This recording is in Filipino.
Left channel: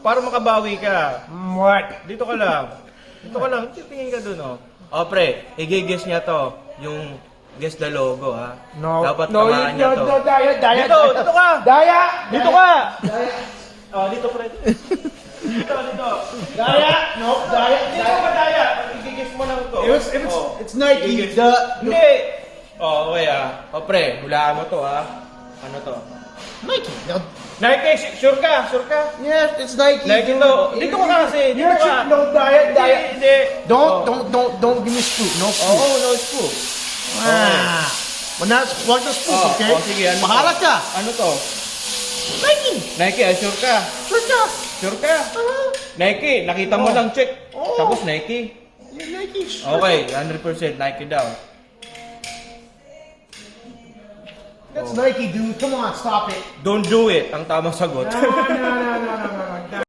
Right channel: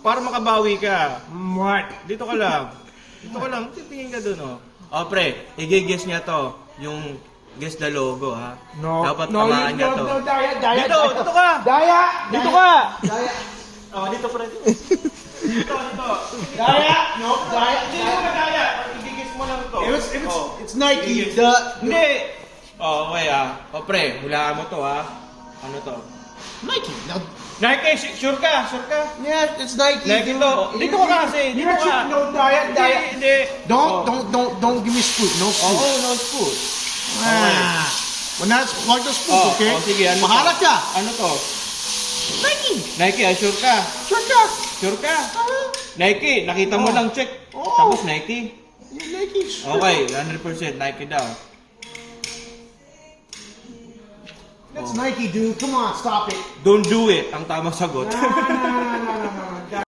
para makabawi ka. What? Dito ka lang. Dito ka lang. Titingin ka dun, oh. O, pre, i-guess niya to. Yung guess the logo, ha? No. Dapat no, tamaan niya to. No, Daya. Dito ka! Daya! Dito ka! Oh, dito, pre. Dito. Daya! No, Daya. Hindi mo ba daya? Pag i-guess mo lang to. It's Nike. Hindi! Oh, okay, O, pre, hulaan mo to, ha? Ano to? Nike. Nike, sure ka? Yes, it's Nike. Nike to. Dito ka kasi. Dito ka. No, Daya. Hindi. Don't give me scoop. No scoop. Oo, no scoop. Ah. Wag the scoop, Oh, okay? oh, sige, ano Bahala to? ka. Ano to? Nike. Nike, sure ka? Sure ka. Sure ka? Nike, nakita mo Oh. lang check. Oo. Tapos Nike. Yeah, Nike. Sure. Okay, 100% Nike daw. That's Nike, dude. Come on, stop it. Don't do it, ang tamang sagot. No.